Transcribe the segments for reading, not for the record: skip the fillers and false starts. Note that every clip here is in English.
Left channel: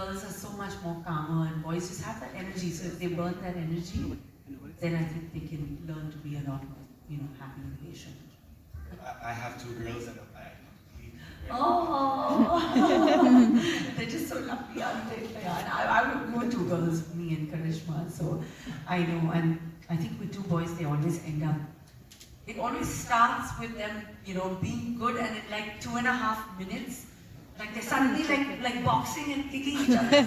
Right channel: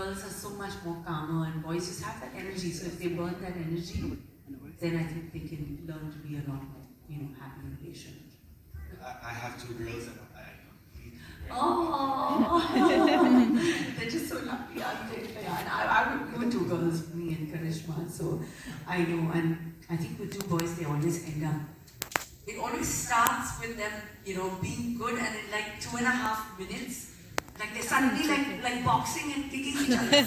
girls are so much more calmer and boys just have that energy. So if they burn that energy, then I think they can learn to be a lot more, happy and patient. I have two girls and I completely agree. Oh, they're just so lucky, aren't they? We were two girls, me and Karishma, so I know. And I think with two boys, they always end up. It always starts with them, being good, and in like 2.5 minutes, like they're suddenly like boxing and kicking each other. You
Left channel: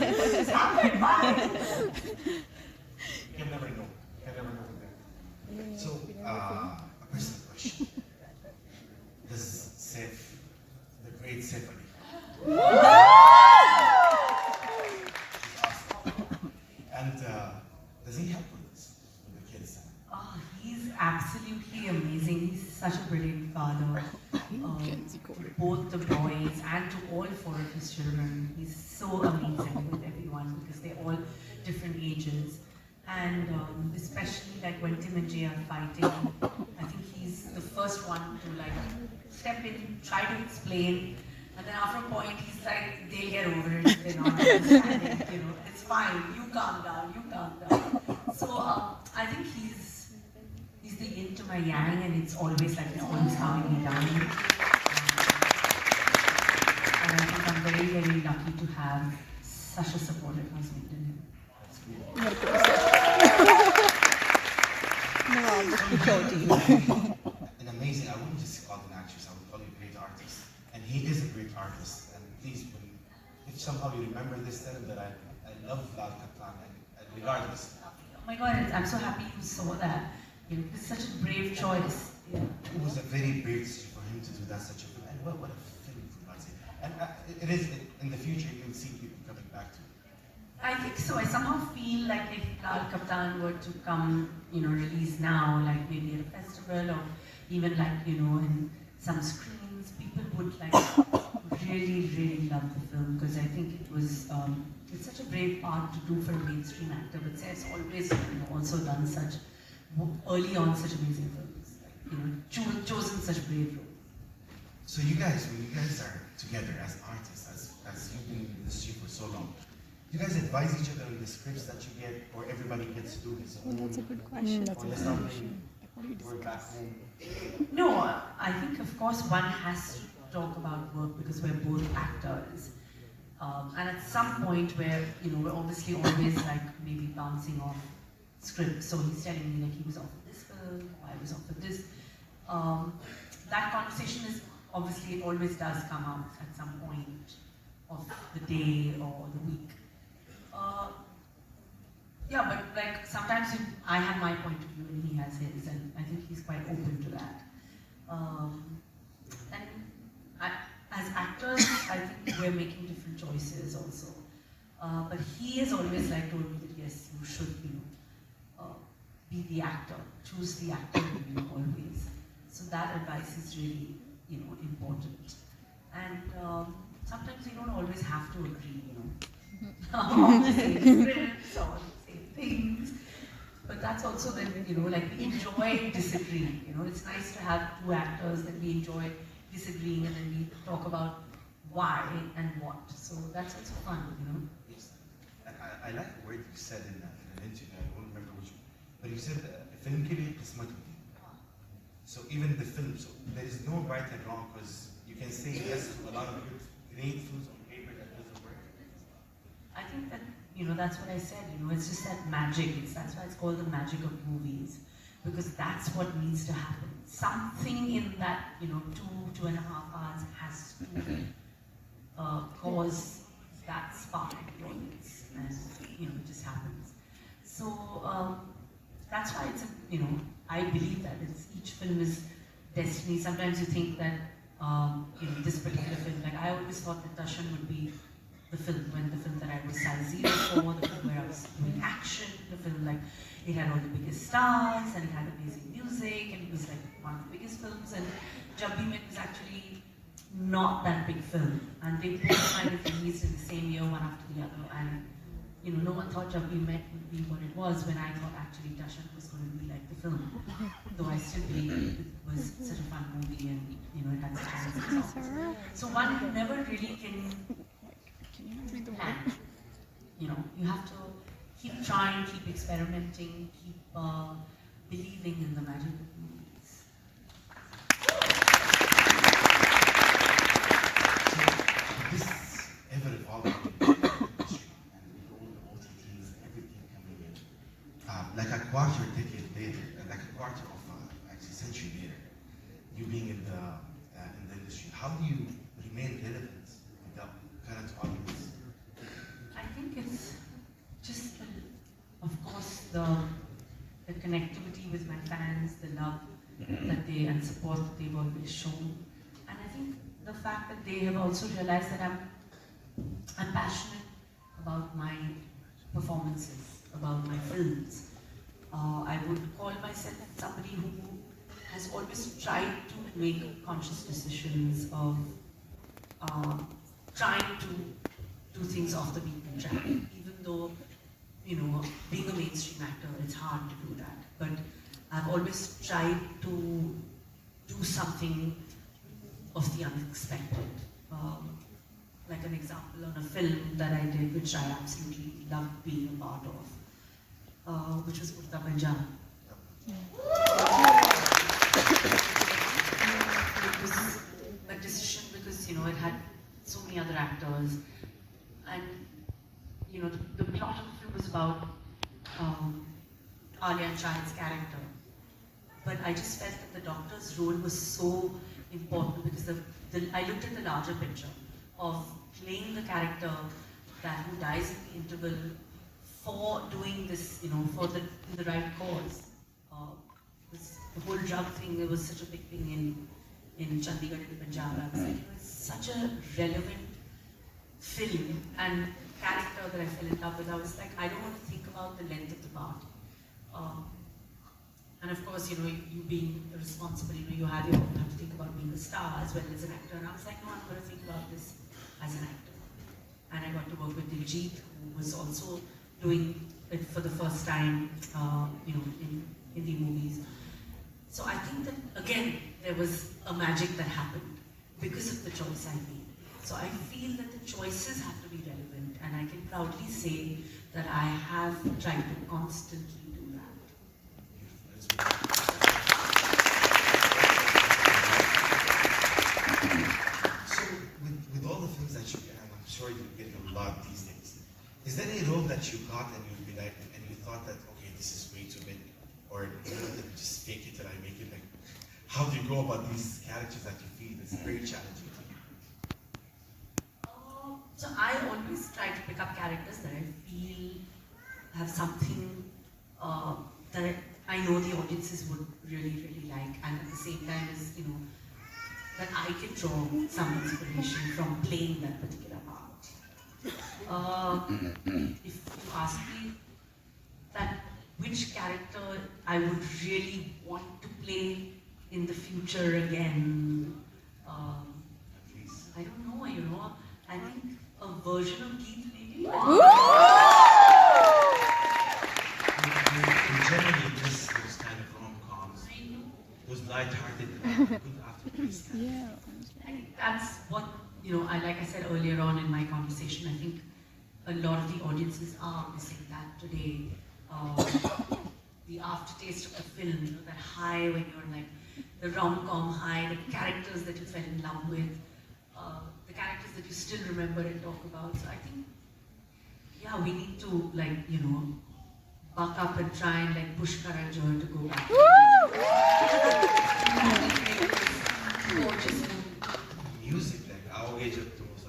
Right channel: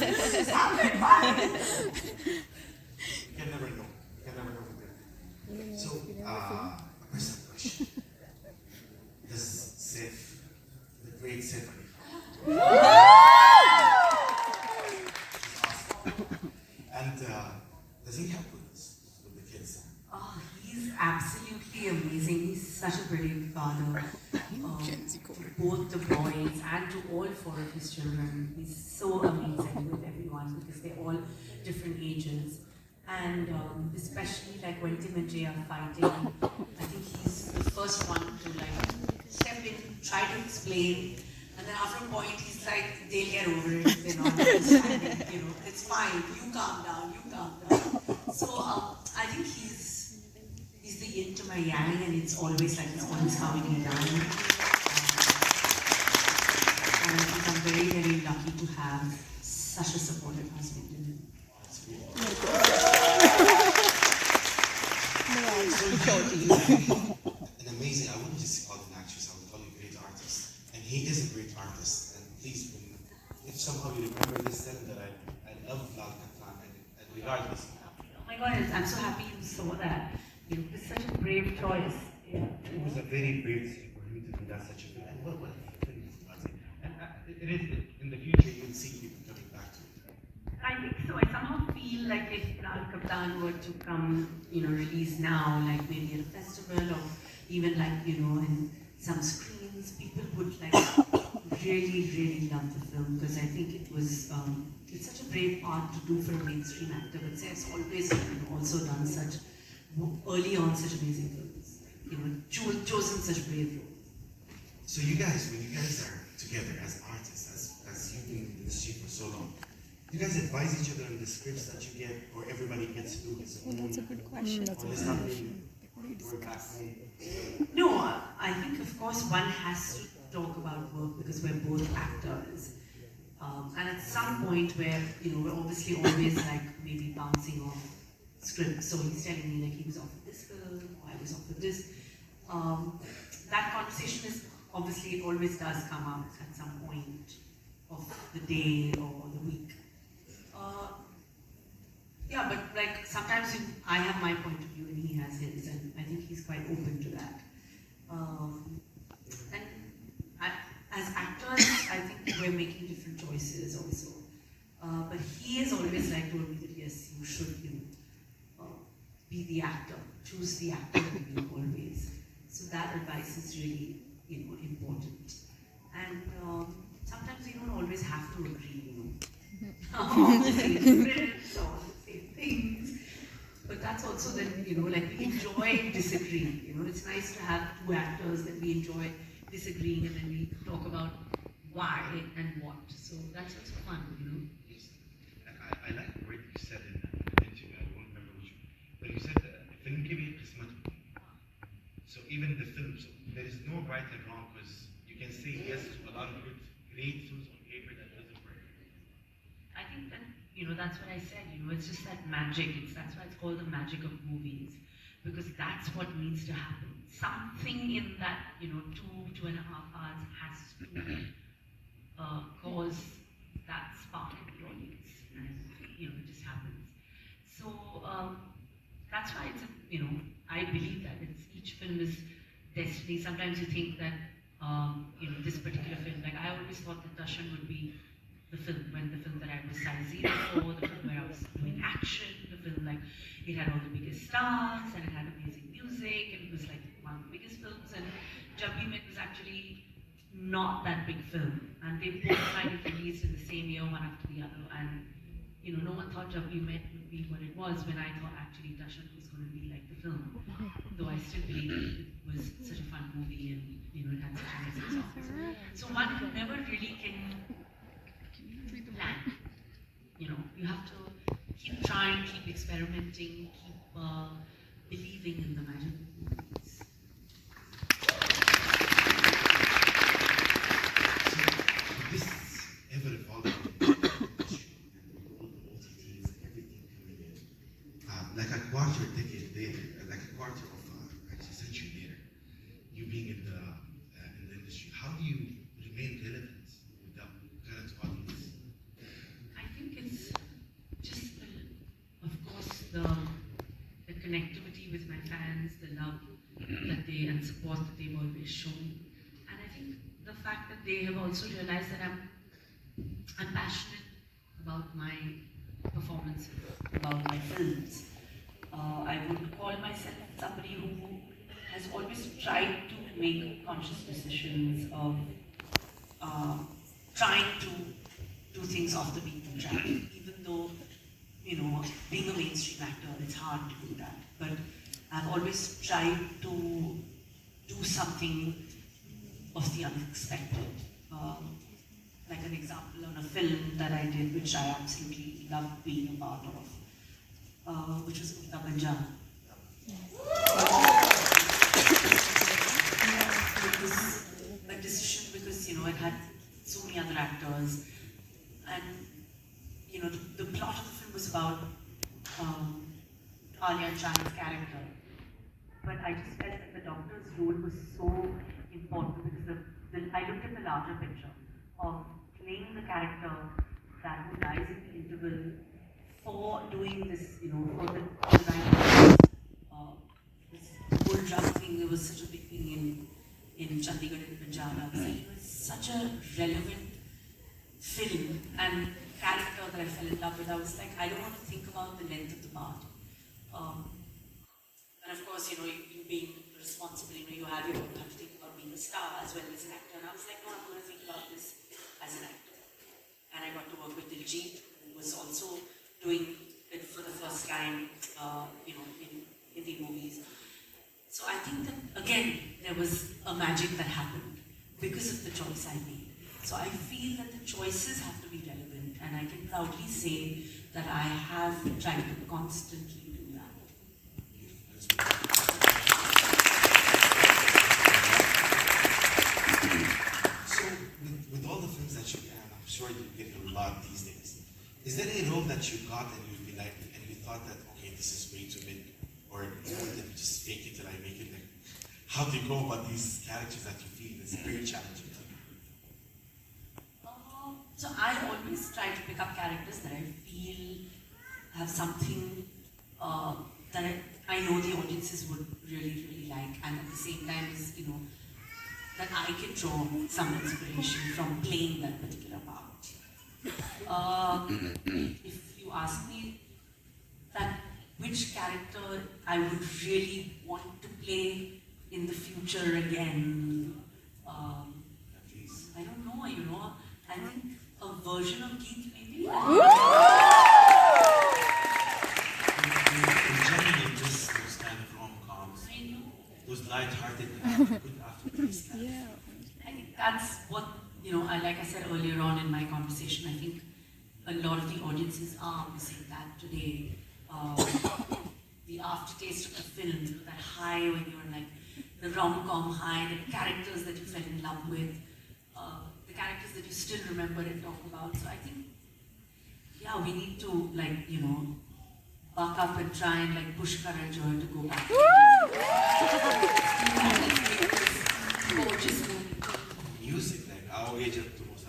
can never know. You can never know with them. So, a personal question. Does Saif, the great Symphony, she's awesome. And does he help with this, with the kids? Oh, he's absolutely amazing. He's such a brilliant father. Both the boys and to all four of his children. He's so amazing with everyone because they're all different ages. And especially like when Tim and Jay are fighting, I think he's the first one to like step in, try to explain, and then after a point he's like, they'll get over it if they're not understanding, it's fine, you calm down. So I think he's the yin to my yang, and it's always like it's always calming me down. And I think I'm very, very lucky to have such a supportive husband in him. That's cool. An amazing, I wouldn't just call him an actress, I would call him a great artist. And he is a great artist. And please, if somehow you remember this, then that I love Lal Kaplan, and regardless. Oh my God, I'm so happy you saw that. It was such a brave choice. Yeah. It was a very brave decision for him to do that, such a film. And what a film, for God's sake. And it is, in the future, you'll see people coming back to it. I think so. I somehow feel like if Lal Kaptan were to come, release now, like maybe at a festival or even like, in some screens, people would like really, really love the film because I think it was, it's such a brave part to do for a mainstream actor. But Saif's always, also done such, early on, such amazing films. Chosen such brave roles. So you guys, when you guys are together as artists, as you've been in the industry for so long, do you guys advise each other on the scripts that you get, or everybody gets to do his own? That's a good question. Or let's not really work back home? No, I think of course one has to talk about work because we're both actors. And at some point where, we're obviously always like maybe bouncing off scripts. So he's telling me like he was offered this film, or I was offered this. That conversation is obviously, it always does come out at some point of the day or the week. Yeah, but like sometimes I have my point of view and he has his, and I think he's quite open to that. As actors, I think we're making different choices also. But he has always like told me that yes, you should, be the actor, choose the actor, always. So that advice is really, important. And sometimes you don't always have to agree, on the same scripts or the same things. But that's also that, like we enjoy disagreeing. It's nice to have two actors that we enjoy disagreeing and then we talk about why and what. So that's also fun, Yes. And I like the word you said in the interview, I don't remember which one, but you said film ke bhi qismat hoti hai. So even the film, so there is no right and wrong because you can say yes to a lot of good, great films on paper that doesn't work. I think that, that's what I said, it's just that magic. That's why it's called the magic of movies. Because that's what needs to happen. Something in that, 2.5 hours has to cause that spark in the audience. And, it just happens. So, that's why it's, I believe that each film is destiny. Sometimes you think that, this particular film, like I always thought that Darshan would be the film that I was size zero for, the film where I was doing action, the film like it had all the biggest stars and it had amazing music and it was like one of the biggest films. And Jab Bhi Met was actually not that big film, and they both kind of released in the same year, one after the other. And no one thought Jab Bhi Met would be what it was when I thought actually Darshan was going to be like the film. Though I still believe it was such a fun movie and it had such amazing songs. So one never really can plan. experimenting, keep believing in the magic of movies. This ever-evolving industry and all the OTTs, everything coming in, like a quarter decade later, like a quarter of actually century later, you being in the industry, how do you remain relevant with the current audience? I think it's just, of course, the connectivity with my fans, the love that they and support that they've always shown, and I think the fact that they have also realized that I'm passionate about my performances, about my films. I would call myself somebody who has always tried to make conscious decisions of trying to do things off the beaten track, even though, you know, being a mainstream actor, it's hard to do that. But I've always tried to do something of the unexpected. Like an example on a film that I did, which I absolutely loved being a part of, which was Urta Panjab. It was a decision because, you know, it had so many other actors, and, you know, the plot of the film was about Alia and Shahin's character. But I just felt that the doctor's role was so important because I looked at the larger picture of playing the character that who dies in the interval for doing this, you know, for the right reasons. This whole drug thing, it was such a big thing in Chandigarh and Punjab. I was like, it was such a relevant film and character that I fell in love with. I was like, I don't want to think about the length of the part. And of course, you know, you being responsible, you know, you have to think about being a star as well as an actor. And I was like, no, I'm going to think about this as an actor. And I got to work with Diljit, who was also doing it for the first time, you know, in Hindi movies. So I think that, again, there was a magic that happened because of the choice I made. So I feel that the choices have to be relevant, and I can proudly say that I have tried to constantly do that. So, with all the films that you have, I'm sure you get a lot these days. Is there any role that you got and you like, and you thought that, okay, this is way too big, or you know, let me just fake it till I make it? Like, how do you go about these characters that you feel is very challenging to you? So I always try to pick up characters that I feel have something that I know the audiences would really, really like, and at the same time is, you know, that I can draw some inspiration from playing that particular part. If you ask me that which character I would really want to play in the future again, I don't know, you know, I think a version of Keith maybe. In general, those kind of rom-coms, those light-hearted, good aftertaste. Yeah. I think that's what, you know, like I said earlier on in my conversation, I think a lot of the audiences are missing that today. The aftertaste of the film, that high when you're like, the rom-com high, the characters that you fell in love with, the characters that you still remember and talk about. So I think, yeah, we need to, like, you know, buck up and try and like push Karan Johar to go back. Gorgeous movie. Music, like, our age of the most.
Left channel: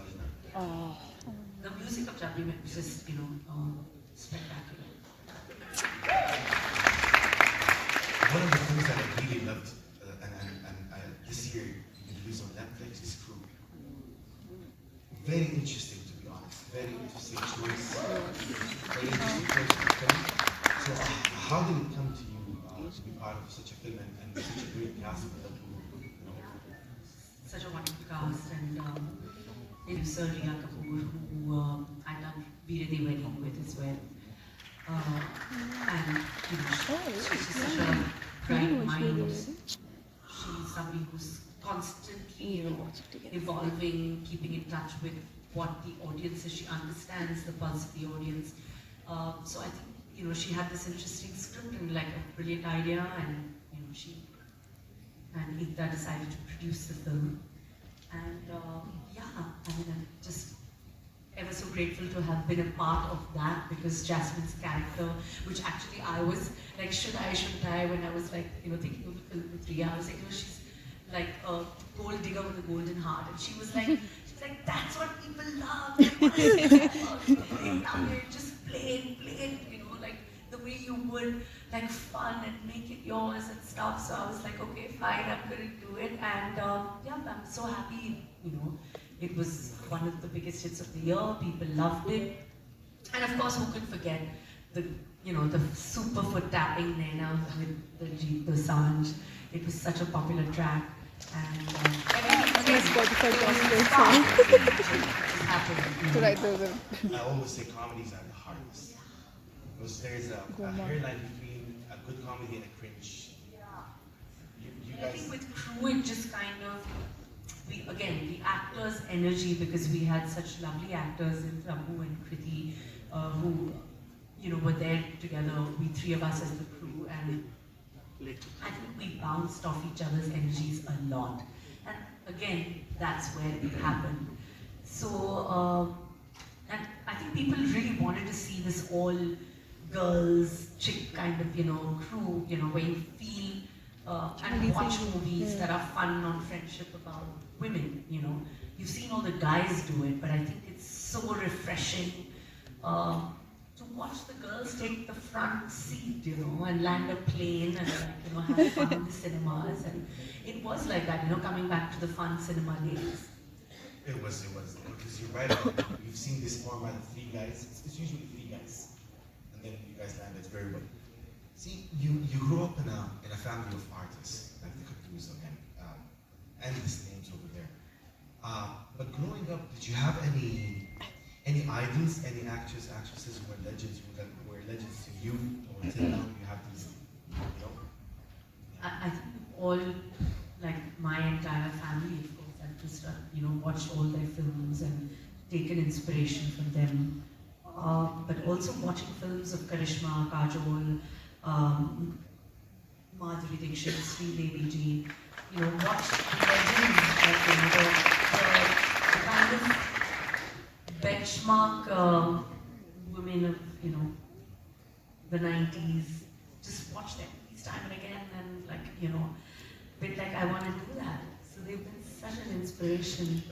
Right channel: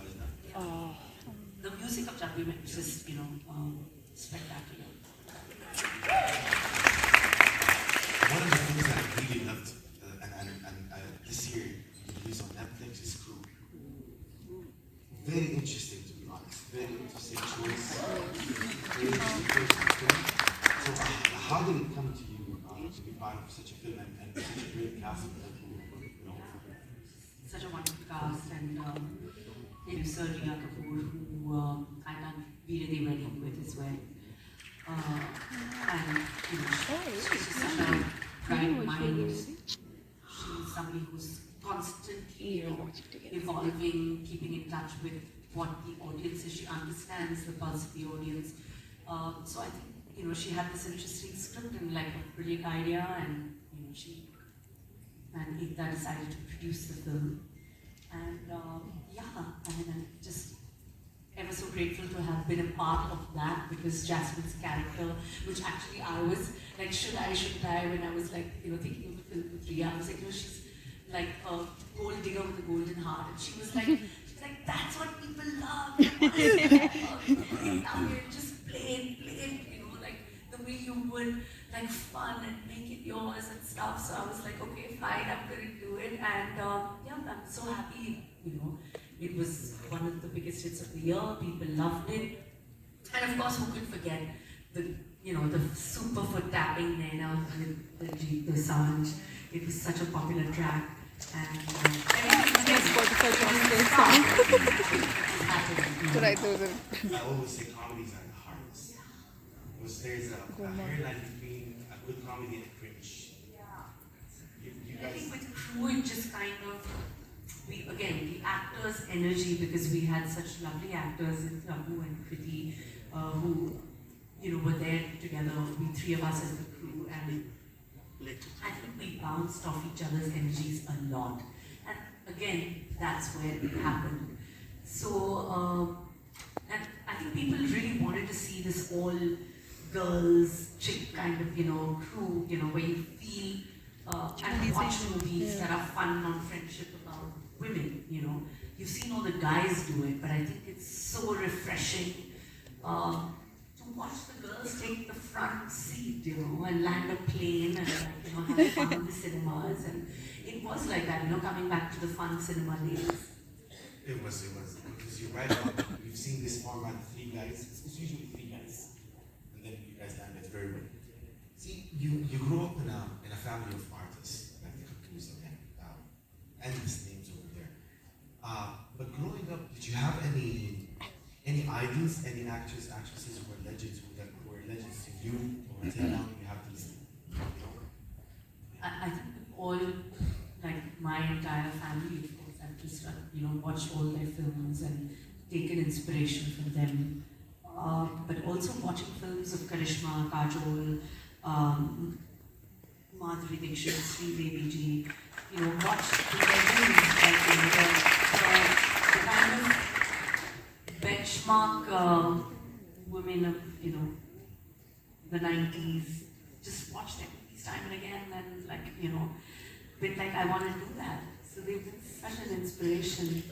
The music of Jabri was just, you know, spectacular. One of the things that I really loved, this year, released on Netflix is Crew. Very interesting, to be honest. Very interesting choice. Very interesting choice to film. So, how did it come to you to be part of such a film and such a great cast of people? You know? Such a wonderful cast, and producer Kapoor, who I've done Veere De Wedding with as well. And you know, she's just such a bright mind. She's somebody who's constantly, you know, evolving, keeping in touch with what the audience is. She understands the pulse of the audience. So I think she had this interesting script and like a brilliant idea, and Ekta decided to produce the film. And I'm just ever so grateful to have been a part of that, because Jasmine's character, which actually I was like, shouldn't I, when I was like, thinking of the film with Riya, I was like, she's like a gold digger with a golden heart. And she was like, that's what people love. Just plain, like the way you would, like fun and make it yours and stuff. So I was like, okay, fine, I'm going to do it. And I'm so happy, it was one of the biggest hits of the year. People loved it. And of course, who could forget the super foot tapping Naina with the Dosanjh. It was such a popular track. And Spotify I always say comedies are the hardest. Because there's a hairline between a good comedy and a cringe. You guys... I think with Crew, it just kind of, the actors' energy, because we had such lovely actors in Prabhu and Kriti, who, were there together, we three of us as the crew, and I think we bounced off each other's energies a lot. And again, that's where it happened. So, and I think people really wanted to see this all girls, chick kind of, crew, where you feel and watch movies that are fun on friendship about women, You've seen all the guys do it, but I think it's so refreshing to watch the girls take the front seat, and land a plane and have fun in the cinemas. And it was like that, coming back to the fun cinema days. It was. Because you're right, we've seen this format of three guys. It's usually three guys. And then you guys land it very well. See, you grew up in a family of artists, like the Kapoors again, and these names over there. But growing up, did you have any idols, any actresses who were legends to you, or until now you have these? I think all, like my entire family, of course, I've just watched all their films and taken inspiration from them. But also watching films of Karishma, Kajol, Madhuri Dixit, Sridevi ji, watch the legends, like the kind of benchmark women of the 90s. Just watch them time and again, and been like, I want to do that. So they've been such an inspiration.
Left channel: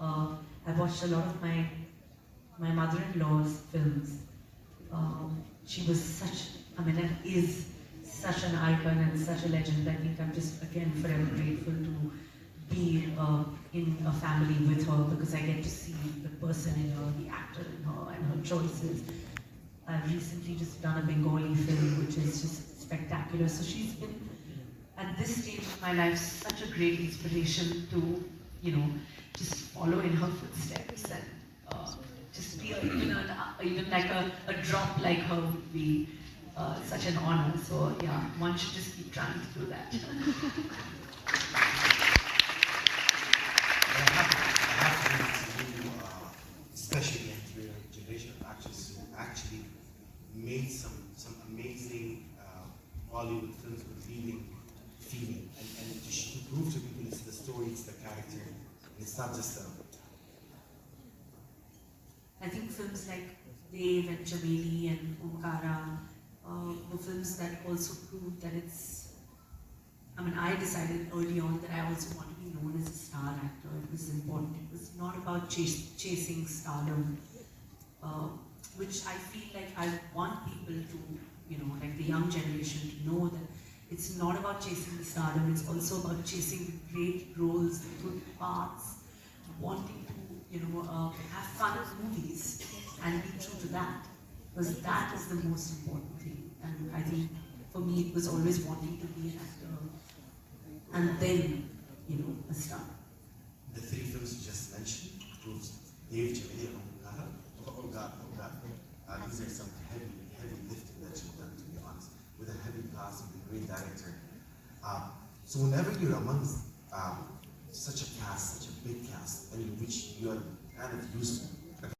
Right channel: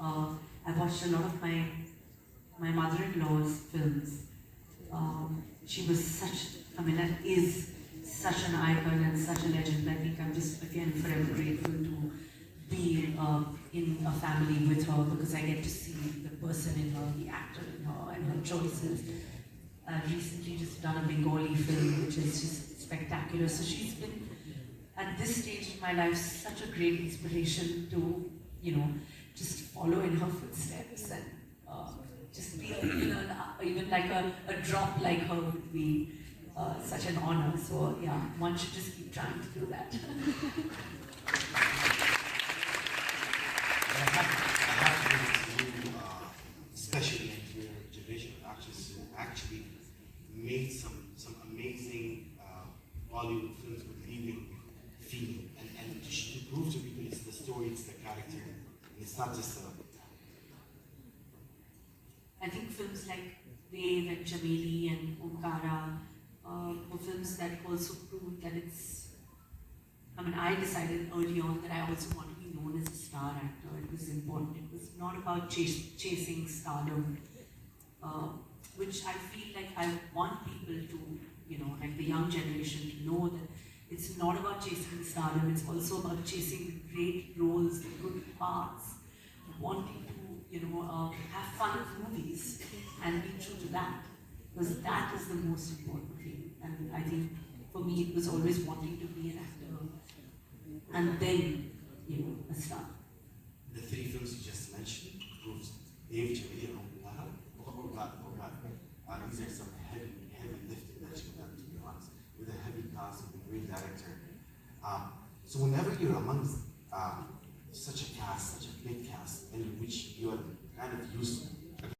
I watched a lot of my mother-in-law's films. She was and is such an icon and such a legend. I think I'm just, again, forever grateful to be in a family with her, because I get to see the person in her, the actor in her, and her choices. I've recently just done a Bengali film, which is just spectacular. So she's been, at this stage of my life, such a great inspiration to, just follow in her footsteps, and just be even like a drop like her would be such an honor. So yeah, one should just keep trying to do that. I have to you, especially into your generation of actors who actually made some amazing Bollywood films with leading female, and to prove to people it's the story, it's the character, and it's not just a... I think films like Dev and Chameli and Omkara were films that also proved that I decided early on that I also want to be known as a star actor. It was important. It was not about chasing stardom, which I feel like I want people to, like the young generation, to know that it's not about chasing the stardom, it's also about chasing great roles, good parts, wanting to, have fun with movies and be true to that. Because that is the most important thing. And I think for me it was always wanting to be an actor and then, a star. The three films you just mentioned proves Dev, Chameli, and Omkara. Oh God. These are some heavy lifting that you've done, to be honest, with a heavy cast, with a great director. So whenever you're amongst such a cast, such a big cast, and which you are kind of used to,